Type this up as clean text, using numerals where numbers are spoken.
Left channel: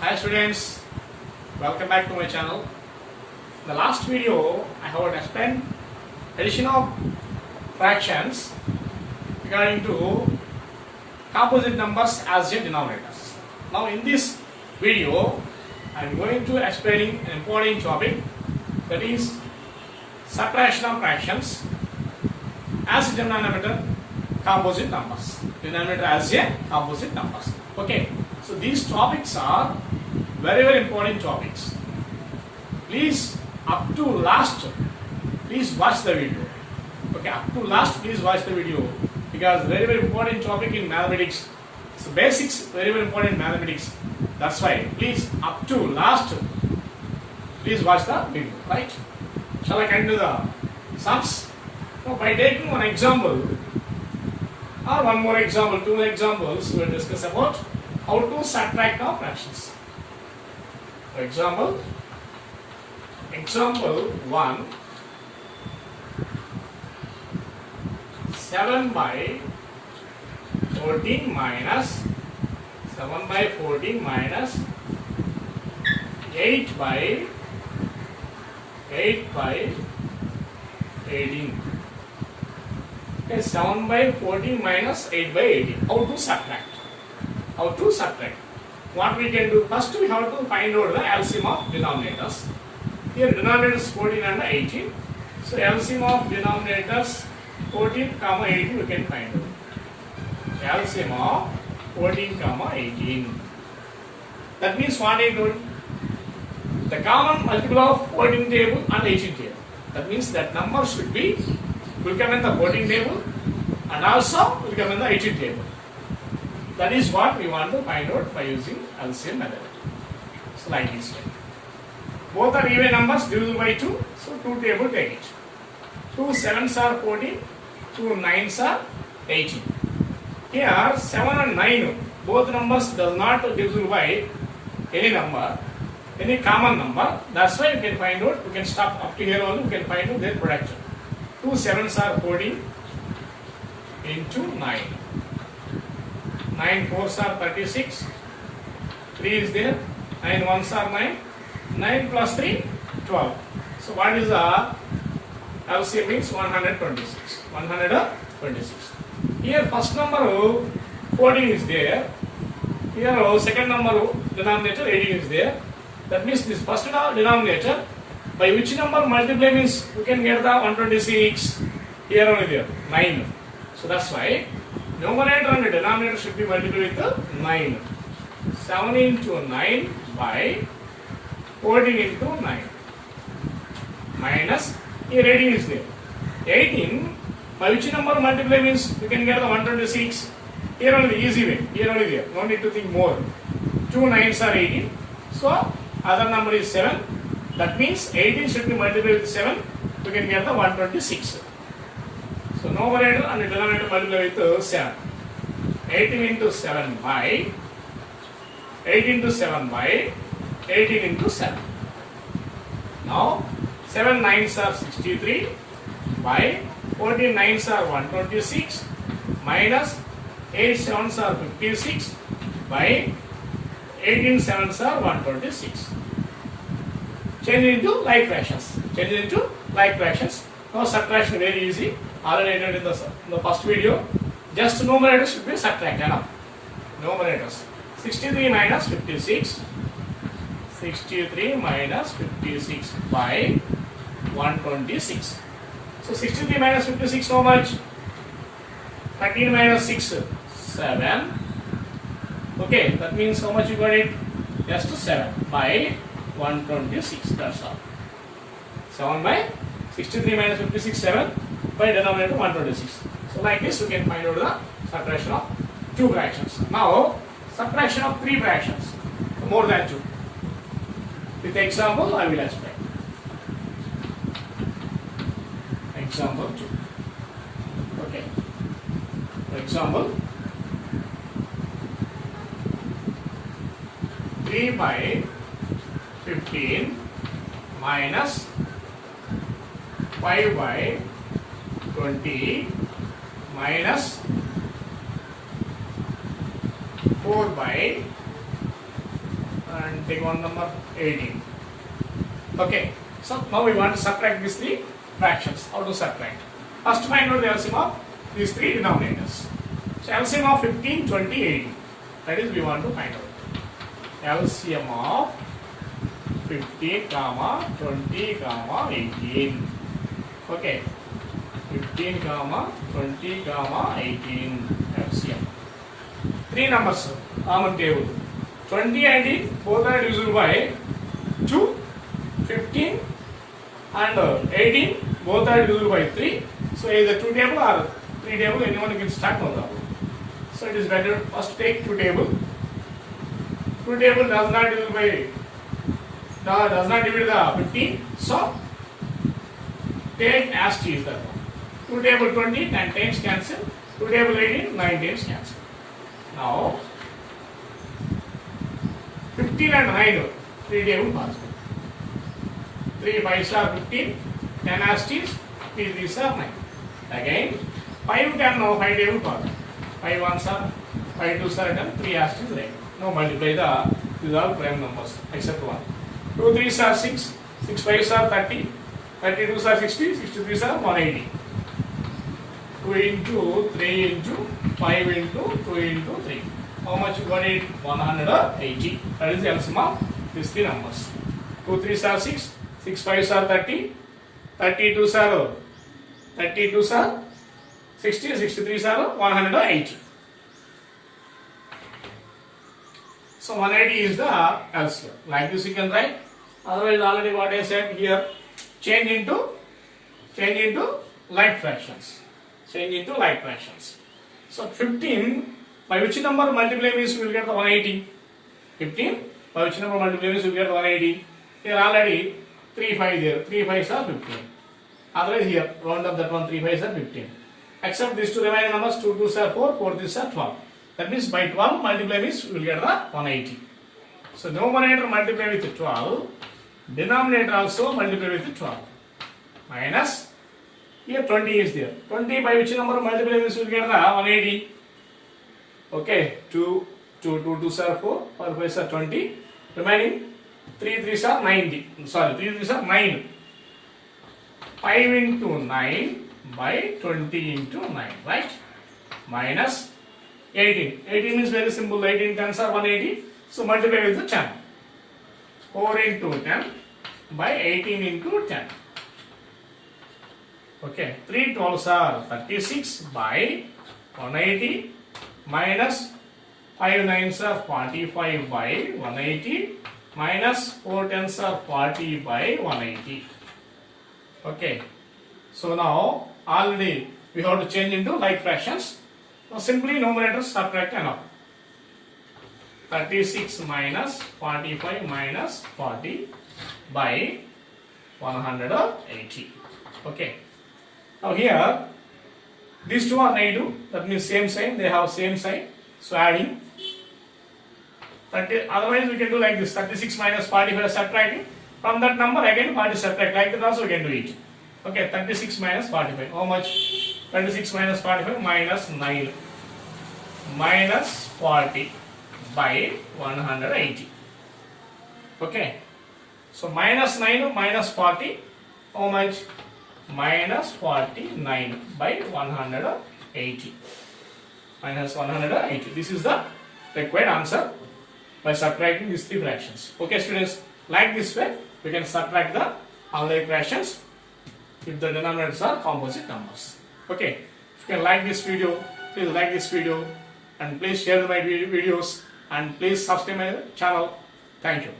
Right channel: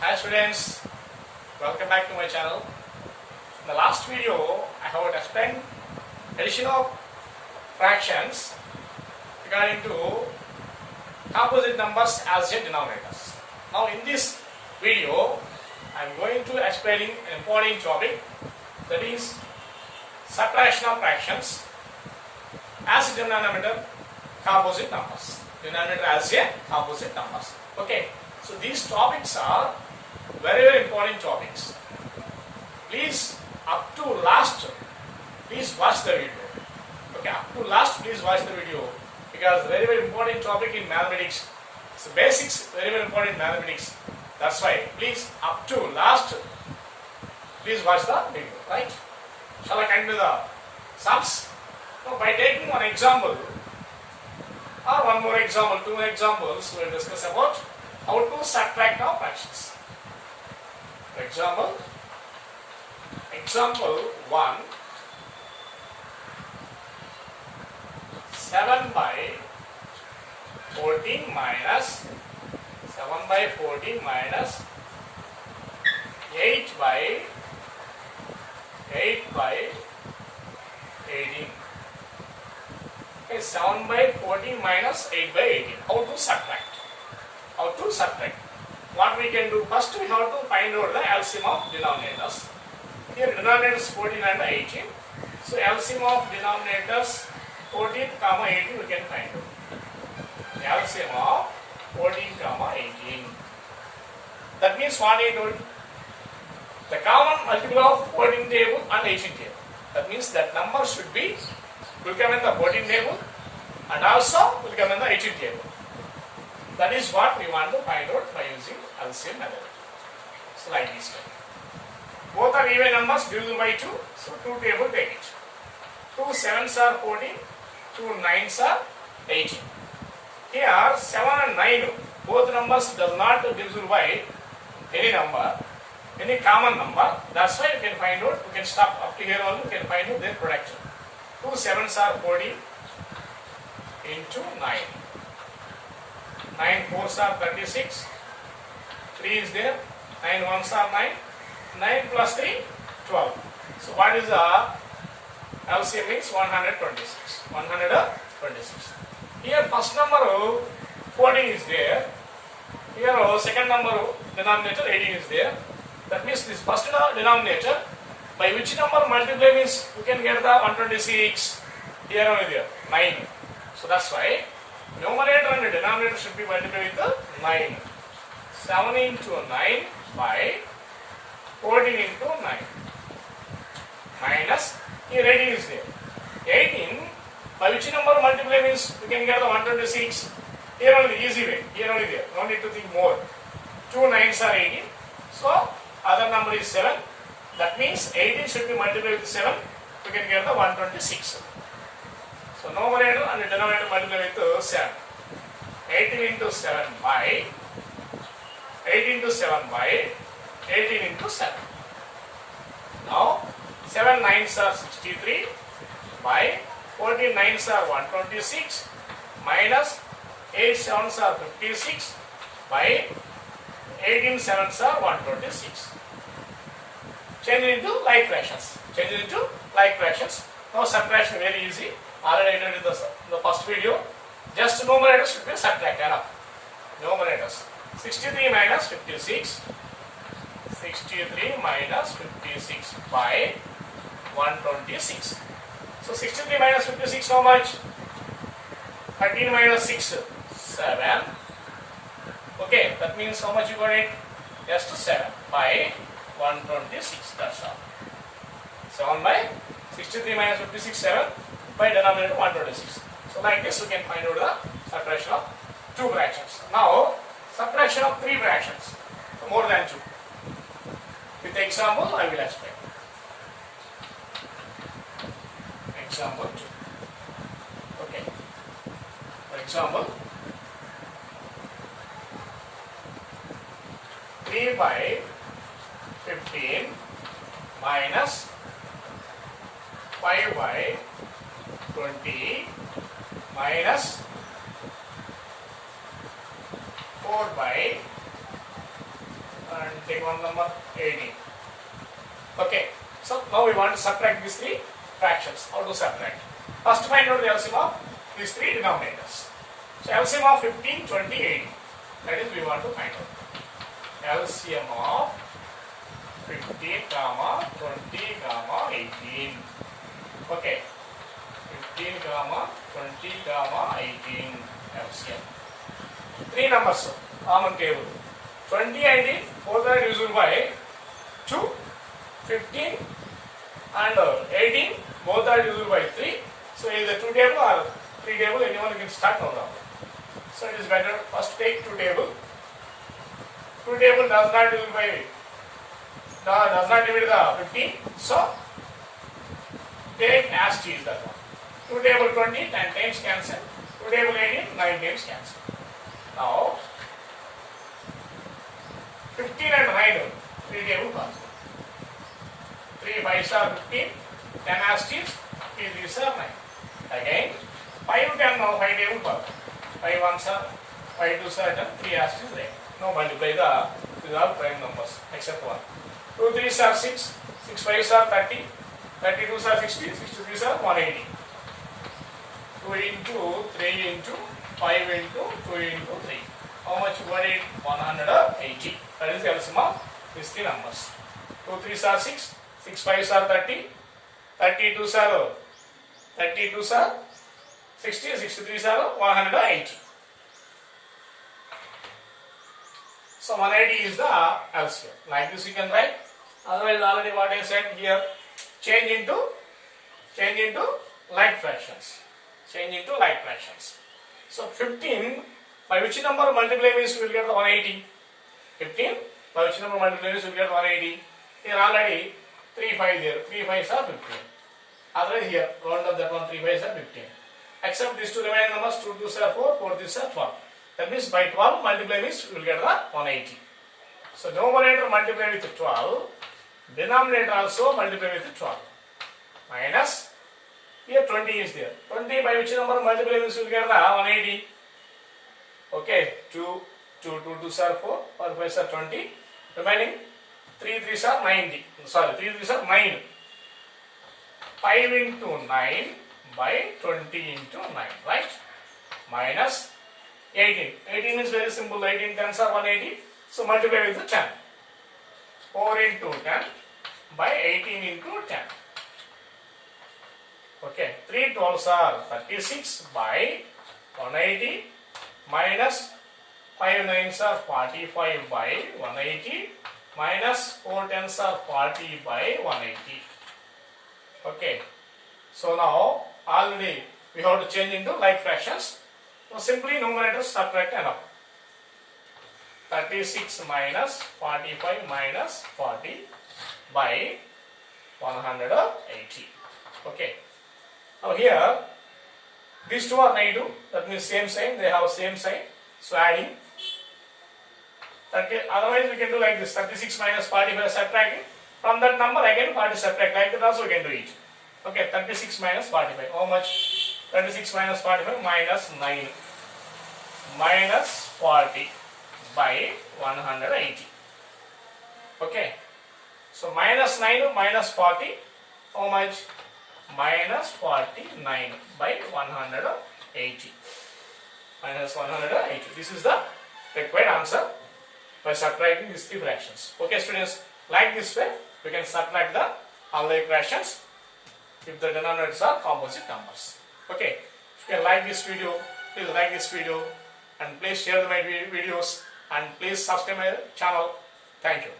Hi students, welcome back to my channel. In the last video, I have explained addition of fractions regarding to composite numbers as a denominators. Now in this video, I am going to explain an important topic, that is subtraction of fractions as a denominator composite numbers. Denominator as a composite numbers. Okay, so these topics are very important topics. Please up to last, please watch the video. Okay, up to last, please watch the video because very important topic in mathematics. So basics very important in mathematics. That's why please up to last, please watch the video. Right? Shall I continue the sums? So by taking one example or one more example, two examples, we will discuss about how to subtract now fractions. Example 1, 7 by 14 minus 8 by 18. Okay, 7 by 14 minus 8 by 18. How to subtract? What we can do, first we have to find out the LCM of denominators. Here denominators 14 and 18. So LCM of denominators 14, 18 we can find out. LCM of 14, 18. That means what I told? The common multiple of 14 table and 18 table. That means that number will come in the 14 table and also will come in the 18 table. That is what we want to find out by using LCM method. So like this way. Both are even numbers divisible by 2. So 2 table take it. 2 7s are 14. 2 9s are 18. Here 7 and 9. Both numbers does not divisible by any number, any common number. That's why you can find out. You can stop up to here only. You can find out their product. 2 7s are 14 into 9. 9 4s are 36. 3 is there. 9 1s are 9. 9 plus 3, 12. So what is the LCM means 126. 126. Here first number 14 is there. Here second number denominator 18 is there. That means this first denominator by which number multiply means you can get the 126. Here only there 9. So that's why numerator and denominator should be multiplied with the 9. 7 into 9 by 14 into 9 minus, here 18 is there. 18 by which number multiply means you can get the 126. Here only easy way. Here only there. No need to think more. 2 9s are 18. So other number is 7. That means 18 should be multiplied with 7. You can get the 126. So numerator and denominator multiply with 7. 18 into 7 by 18 into 7. Now 7 9s are 63 by 14 9s are 126 minus 8 7s are 56 by 18 7s are 126. Change into like fractions. Now subtraction very easy. Already I did in the first video. Just numerators should be subtracted. Numerators. 63 minus 56. 63 minus 56 by 126. So 63 minus 56 how much? 13 minus 6, 7. Okay, that means how much you got it? Just 7 by 126. That's all. 7 by 63 minus 56, 7 by denominator 126. So like this, we can find out the subtraction of 2 fractions. Now, subtraction of 3 fractions, more than 2. With example, I will explain. Example 2. Okay. Example 3 by 15 minus 5 by 20 minus 4 by and and take one number 18. Okay, so now we want to subtract these three fractions. How to subtract? First find out the LCM of these three denominators. So LCM of 15, 20, 18. That is we want to find out. LCM of 15, 20, 18. Okay. 15, 20, 18 LCM. Three numbers common table. 20 and 18 both are divisible by 2. 15 and 18 both are divisible by 3. So either 2 table or 3 table, anyone can start, no problem. So it is better first take 2 table. 2 table does not divide the 15. So take as t is that one. 2 table 20, 10 times cancel. 2 table 18, 9 times cancel. Now 15 and 9, 3 table possible. 3 5s are 15, 10 as t is, 3 3s are 9. Again 5 10 now 5 table possible. 5 1s are, 5 2s are 10, 3 as t is 9. Now multiply these are prime numbers except 1. 2 3s are 6, 6 5s are 30, 32s are 60, 63s are 180. 2 into 3 into 5 into 2 into 3. How much? 180. That is the LCM of these three numbers. 2 3s are 6, 6 5s are 30, 32s are 60, 63s are 180. So 180 is the LCM. Like this you can write. Otherwise already what I said here, change into like fractions. Change into like fractions. So 15 by which number multiply means we will get the 180. 15 by which number multiply means we will get 180. Here already 3 5 there. 3 5s are 15. Otherwise here round up that one, 3 5s are 15. Except these two remaining numbers, 2 2s are 4, 4 3s are 12. That means by 12 multiply means we will get the 180. So numerator multiply with 12. Denominator also multiply with 12. Minus. Here 20 is there. 20 by which number multiply means we will get the 180. Okay, 2 2s are 4, 4 5s are 20. Remaining 3 3s are 90. Sorry, 3 3s are 9. 5 into 9 by 20 into 9, right? Minus 18. 18 is very simple. 18 10s are 180. So multiply with the 10. 4 into 10 by 18 into 10. Okay, 3 12s are 36 by 180 minus 5 9s are 45 by 180 minus 4 10s are 40 by 180. Okay, so now already we have to change into like fractions. Now simply numerator subtract and up. 36 minus 45 minus 40 by 180. Okay. Now here, these two are negative, that means same sign, they have same sign. So adding, otherwise we can do like this, 36 minus 45 subtracting. From that number again 40 subtract, like that also we can do it. Okay, 36 minus 45, how much? 36 minus 45 minus 9 minus 40 by 180. Okay, so minus 9 minus 40, how much? Minus 49 by 180. Minus 180. This is the required answer by subtracting these three fractions. Okay, students, like this way, we can subtract the all the fractions if the denominators are composite numbers. Okay, if you can like this video, please like this video and please share my videos and please subscribe my channel. Thank you.